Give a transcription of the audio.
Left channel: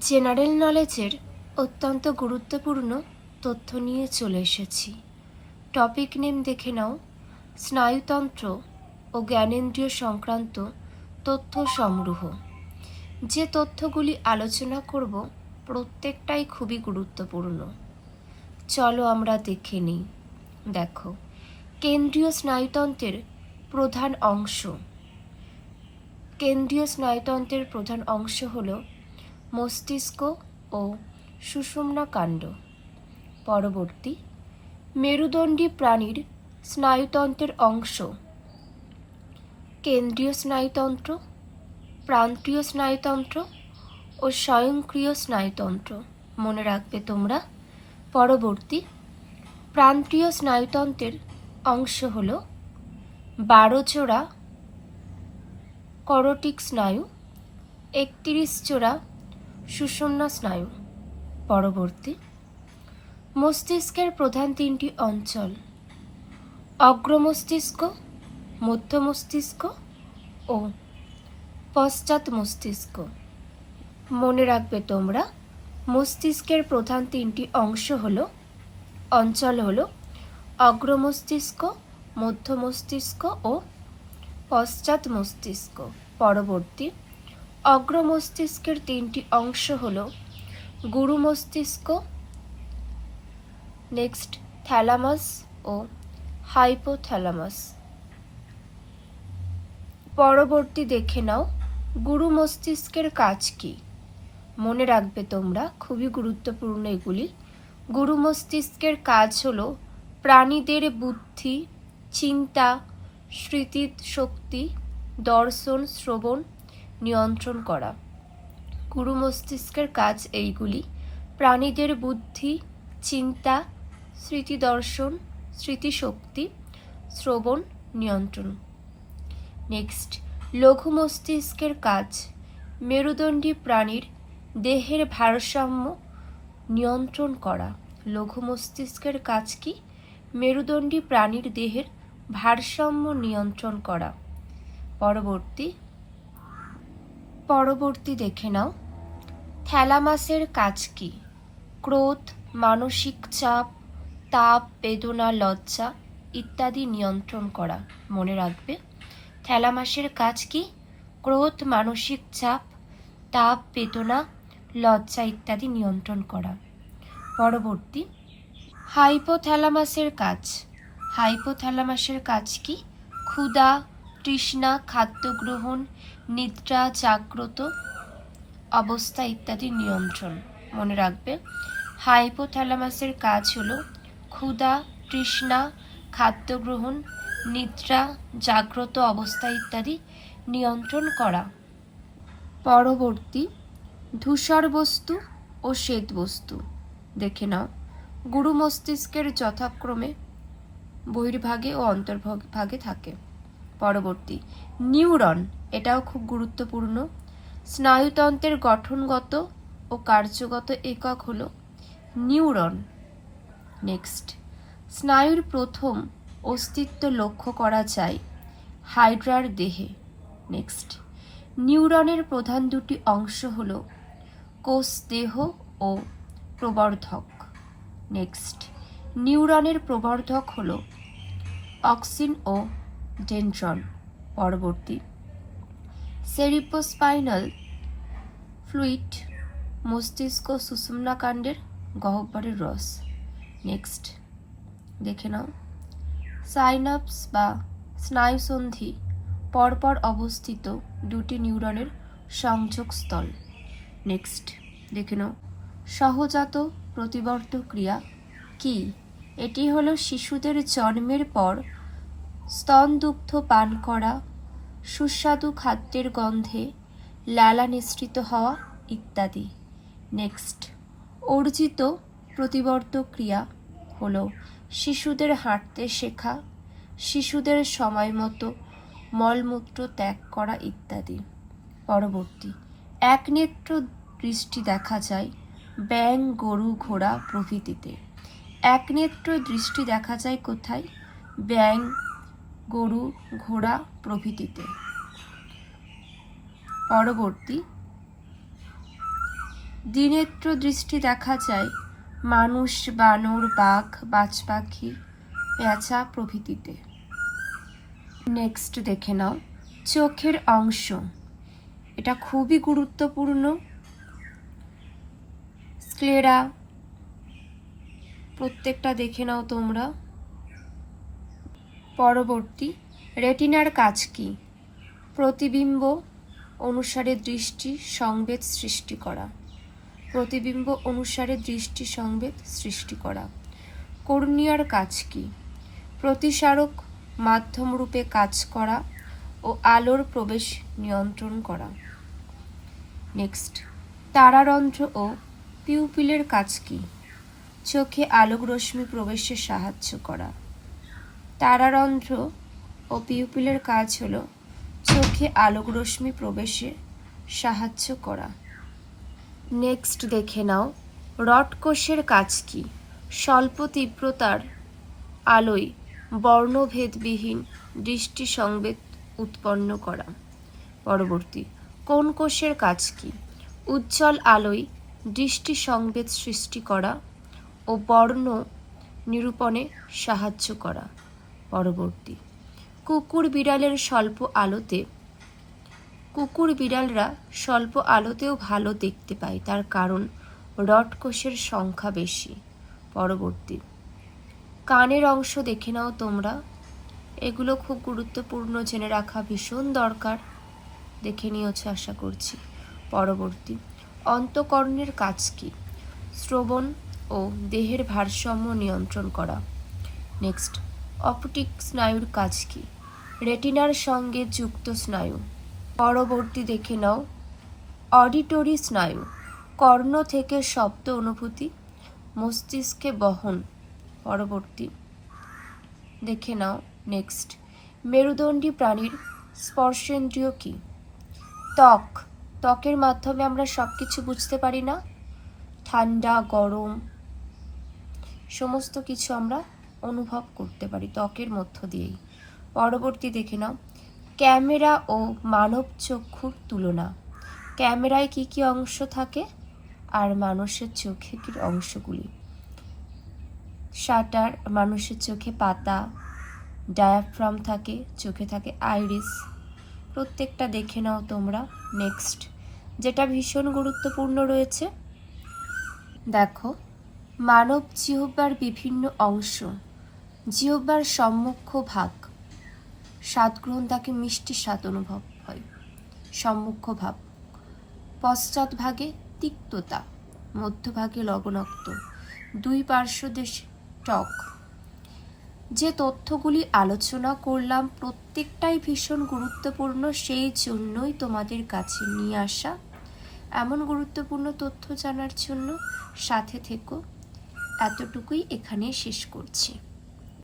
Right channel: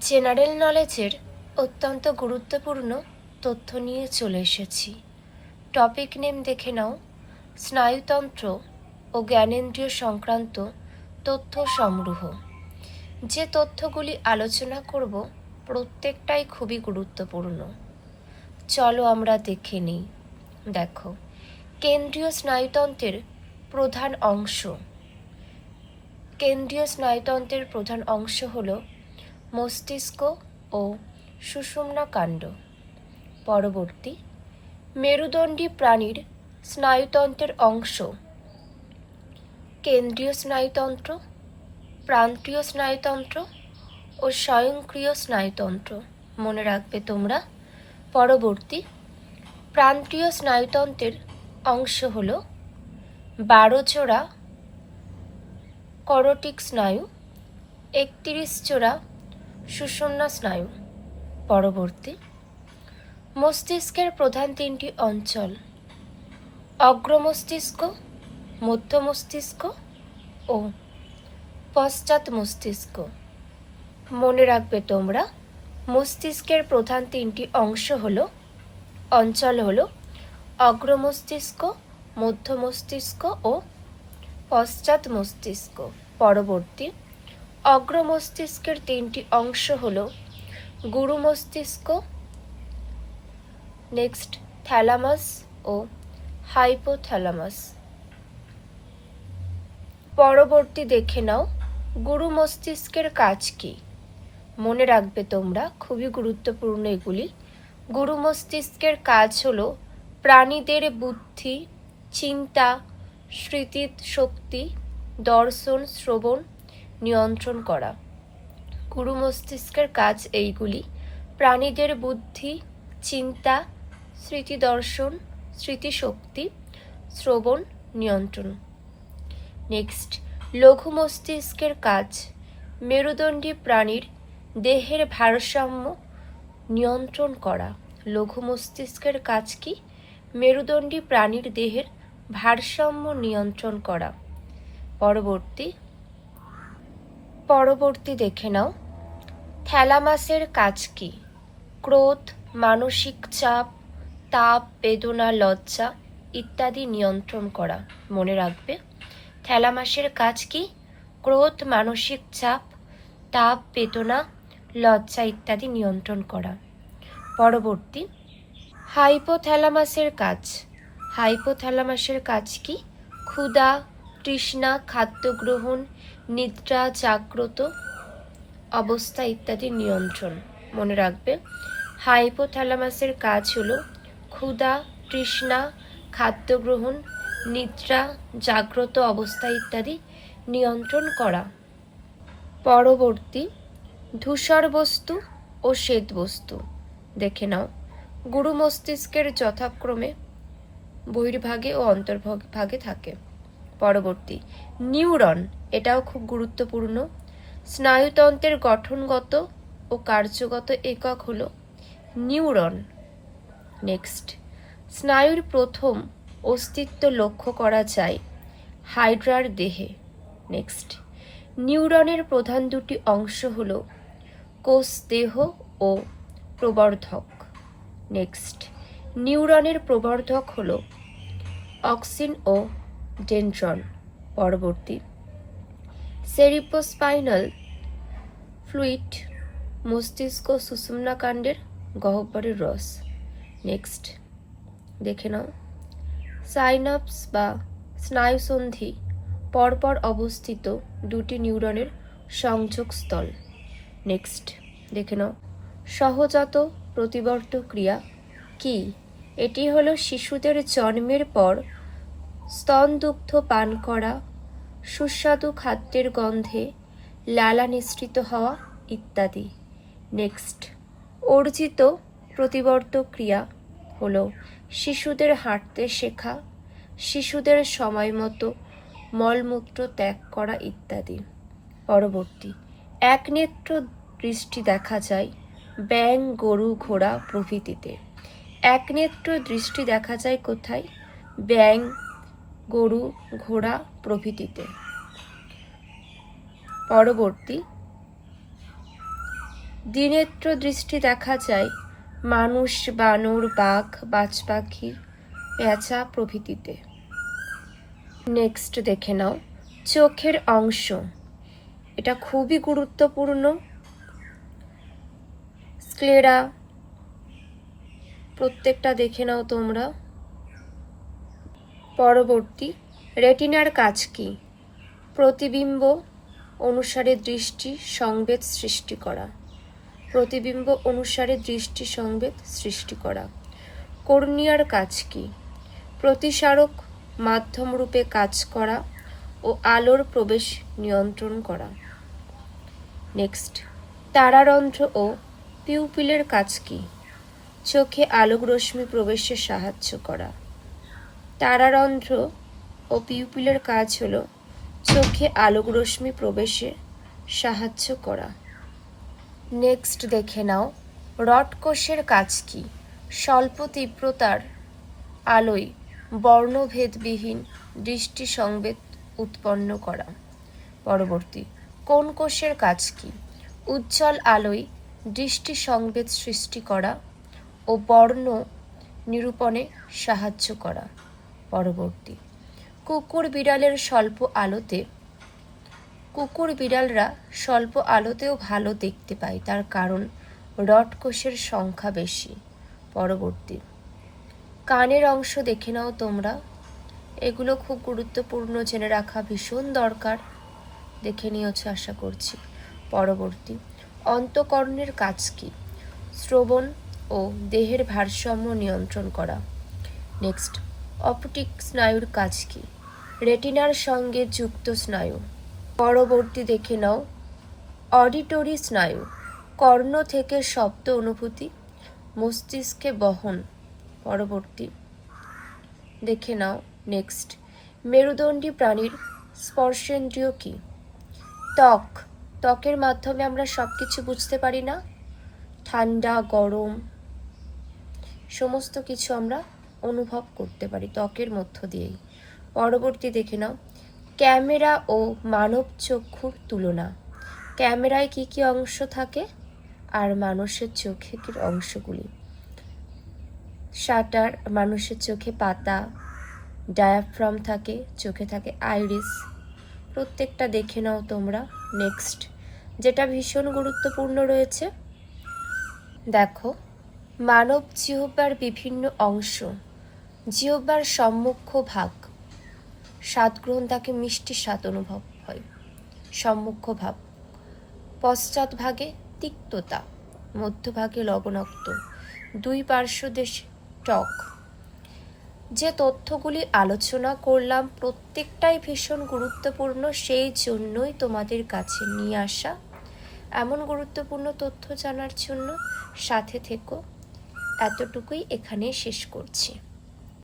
General নলেজের অত্যন্ত গুরুত্বপূর্ণ তথ্য নিয়ে চলে এসেছি। টপিক নেম দেখে নাও, স্নায়ুতন্ত্র ও জ্ঞানেন্দ্রিয় সংক্রান্ত তথ্য সংগ্রহ। যে তথ্যগুলি আলোচনা করব প্রত্যেকটাই খুবই গুরুত্বপূর্ণ। চলো আমরা দেখে নিই। দেখো, কেন্দ্রীয় স্নায়ুতন্ত্রের প্রধান অংশ। কেন্দ্রীয় স্নায়ুতন্ত্রের প্রধান অংশ হল মস্তিষ্ক ও সুষুম্না কাণ্ড। পরবর্তী, মেরুদণ্ডী প্রাণীর স্নায়ুতন্ত্রের অংশ কেন্দ্রীয় স্নায়ুতন্ত্র, প্রান্তীয় স্নায়ুতন্ত্র ও স্বয়ংক্রিয় স্নায়ুতন্ত্র। মনে রাখবে তোমরা। পরবর্তী, প্রান্তীয় স্নায়ুতন্ত্রের অংশ হল 12 জোড়া করোটিক স্নায়ু, 31 জোড়া সুষুম্না স্নায়ু। পরবর্তী, মস্তিষ্কের প্রধান 3টি অঞ্চল: অগ্রমস্তিষ্ক, মধ্য মস্তিষ্ক ও পশ্চাৎ মস্তিষ্ক। মনে রাখবে তোমরা, মস্তিষ্কের প্রধান 3টি অঞ্চল হল অগ্রমস্তিষ্ক, মধ্য মস্তিষ্ক ও পশ্চাৎ মস্তিষ্ক। পরবর্তী, অগ্রমস্তিষ্কের 3টি অংশ হল গুরু মস্তিষ্ক, নেক্সট থ্যালামাস ও হাইপোথ্যালামাস। পরবর্তী দেখে নাও, গুরু মস্তিষ্কের কাজ কি। মনে রাখবে তোমরা, খুবই গুরুত্বপূর্ণ এগুলি। গুরু মস্তিষ্কের কাজ হল প্রাণীদের বুদ্ধি, চিন্তা, স্মৃতি শক্তি, দর্শন, শ্রবণ নিয়ন্ত্রণ করা। গুরু মস্তিষ্কের কাজ এইগুলি: প্রাণীদের বুদ্ধি, চিন্তা, স্মৃতি দর্শন, স্মৃতিশক্তি, শ্রবণ নিয়ন্ত্রণ। নেক্সট, লঘু মস্তিষ্কের কাজ মেরুদণ্ডী প্রাণীর দেহের ভারসাম্য নিয়ন্ত্রণ করা। লঘু মস্তিষ্কের কাজ কি? মেরুদণ্ডী প্রাণীর দেহের ভারসাম্য নিয়ন্ত্রণ করা। পরবর্তী দেখে নাও, থ্যালামাসের কাজ কি? ক্রোধ, মানসিক চাপ, তাপ, বেদনা, লজ্জা ইত্যাদি নিয়ন্ত্রণ করা। মনে রাখবে, থ্যালামাসের কাজ কি? ক্রোধ, মানসিক চাপ, তাপ, বেদনা, লজ্জা ইত্যাদি নিয়ন্ত্রণ করা। পরবর্তী, হাইপোথ্যালামাসের কাজ। হাইপোথ্যালামাসের কাজ কি? ক্ষুধা, তৃষ্ণা, খাদ্য গ্রহণ, নিদ্রা, জাগ্রত অবস্থা ইত্যাদি নিয়ন্ত্রণ। মনে রাখবে, হাইপোথ্যালামাসের কাজ হলো ক্ষুধা, তৃষ্ণা, খাদ্য গ্রহণ, নিদ্রা, জাগ্রত অবস্থা ইত্যাদি নিয়ন্ত্রণ করা। পরবর্তী, ধূসর বস্তু ও শ্বেত বস্তু দেখে নাও। গুরু মস্তিষ্কের যথাক্রমে বহির্ভাগে ও অন্তর্ভাগে থাকে। পরবর্তী, নিউরন, এটাও খুব গুরুত্বপূর্ণ। স্নায়ুতন্ত্রের গঠনগত ও কার্যগত একক হলো নিউরন। নেক্সট, স্নায়ুর প্রথম অস্তিত্ব লক্ষ্য করা যায় হাইড্রার দেহে। নেক্সট, নিউরনের প্রধান 2টি অংশ হলো কোষ দেহ ও প্রবর্ধক। নেক্সট, নিউরনের প্রবর্ধক হলো অক্সিন ও ডেনড্রন। পরবর্তী, সেরিব্রোস্পাইনাল ফ্লুইড, মস্তিষ্ক সুষুম্না কাণ্ডের গহ্বরের রস। নেক্সট দেখে নাও, সাইনাপস বা স্নায়ুসন্ধি পরপর অবস্থিত 2টি নিউরনের সংযোগস্থল। নেক্সট দেখে নাও, সহজাত প্রতিবর্ত ক্রিয়া কি? এটি হলো শিশুদের জন্মের পর স্তনদুগ্ধ পান করা, সুস্বাদু খাদ্যের গন্ধে লালা নিঃসৃত হওয়া ইত্যাদি। নেক্সট, অর্জিত প্রতিবর্ত ক্রিয়া হলো শিশুদের হাঁটতে শেখা, শিশুদের সময় মতো মলমূত্র ত্যাগ করা ইত্যাদি। পরবর্তী, একনেত্র দৃষ্টি দেখা যায় ব্যাঙ, গরু, ঘোড়া প্রভৃতিতে। একনেত্র দৃষ্টি দেখা যায় কোথায়? ব্যাঙ, গরু, ঘোড়া প্রভৃতিতে। পরবর্তী, দ্বিনেত্র দৃষ্টি দেখা যায় মানুষ, বানর, বাঘ, বাজ পাখি, পেঁচা প্রভৃতিতে। নেক্সট দেখে নাও চোখের অংশ, এটা খুবই গুরুত্বপূর্ণ। স্ক্লেরা প্রত্যেকটা দেখে নাও তোমরা। পরবর্তী, রেটিনার কাজ কি? প্রতিবিম্ব অনুসারে দৃষ্টি সংবেদ সৃষ্টি করা। প্রতিবিম্ব অনুসারে দৃষ্টি সংবেদ সৃষ্টি করা। কর্নিয়ার কাজ কি? প্রতিসারক মাধ্যম রূপে কাজ করা ও আলোর প্রবেশ নিয়ন্ত্রণ করা। নেক্সট, তারারন্ধ্র ও পিউপিলের কাজ কি? চোখে আলোক রশ্মি প্রবেশে সাহায্য করা। তারারন্ধ্র ও পিউপিলের কাজ হলো চোখে আলোক রশ্মি প্রবেশে সাহায্য করা। নেক্সট দেখে নাও রড কোষের কাজ কি? স্বল্প তীব্রতার আলোয় বর্ণভেদবিহীন দৃষ্টি সংবেদ উৎপন্ন করা। পরবর্তী, কোন কোষের কাজ কি? উজ্জ্বল আলোয় দৃষ্টি সংবেদ সৃষ্টি করা ও বর্ণ নিরূপণে সাহায্য করা। পরবর্তী, কুকুর বিড়ালরা স্বল্প আলোতেও ভালো দেখতে পায়, তার কারণ রড কোষের সংখ্যা বেশি। পরবর্তী, কানের অংশ দেখে নাও তোমরা, এগুলো খুব গুরুত্বপূর্ণ, জেনে রাখা ভীষণ দরকার, দেখে নিয়েছো আশা করছি। পরবর্তী, অন্তঃকরণের কাজ কি? শ্রবণ ও দেহের ভারসাম্য নিয়ন্ত্রণ করা। নেক্সট, অপটিক স্নায়ুর কাজ কি? রেটিনার সঙ্গে যুক্ত স্নায়ু। পরবর্তী দেখে নাও অডিটরি স্নায়ু, কর্ণ থেকে শব্দ অনুভূতি মস্তিষ্কে বহন। পরবর্তী দেখে নাও নেক্সট, মেরুদণ্ডী প্রাণীর স্পর্শেন্দ্রিয় কি? ত্বকের মাধ্যমে আমরা সবকিছু বুঝতে পারি না, ঠান্ডা গরম সমস্ত কিছু আমরা অনুভব করতে পারি ত্বকের মধ্য দিয়েই। পরবর্তী দেখে নাও ক্যামেরা ও মানব চক্ষুর তুলনা। ক্যামেরায় কি কি অংশ থাকে আর মানুষের চোখে কি অংশগুলি? শাটার, মানুষের চোখে পাতা, ডায়াফ্রাম থাকে, চোখে থাকে আইরিস, প্রত্যেকটা দেখে নাও তোমরা। নেক্সট, যেটা ভীষণ গুরুত্বপূর্ণ রয়েছে, দেখো মানব জিহ্বার বিভিন্ন অংশ। জিহ্বার সম্মুখ ভাগ, স্বাদ গ্রহণ তাকে মিষ্টি স্বাদ অনুভব হয়, সম্মুখ ভাগ। পশ্চাৎ ভাগে তিক্ততা, মধ্যভাগে লবণাক্ত, দুই পার্শ্বদেশে টক। যে তথ্যগুলি আলোচনা করলাম প্রত্যেকটাই ভীষণ গুরুত্বপূর্ণ, সেই জন্যই তোমাদের কাছে নিয়ে আসা। এমন গুরুত্বপূর্ণ তথ্য জানার জন্য সাথে থেকো। এতটুকুই এখানে শেষ করছি।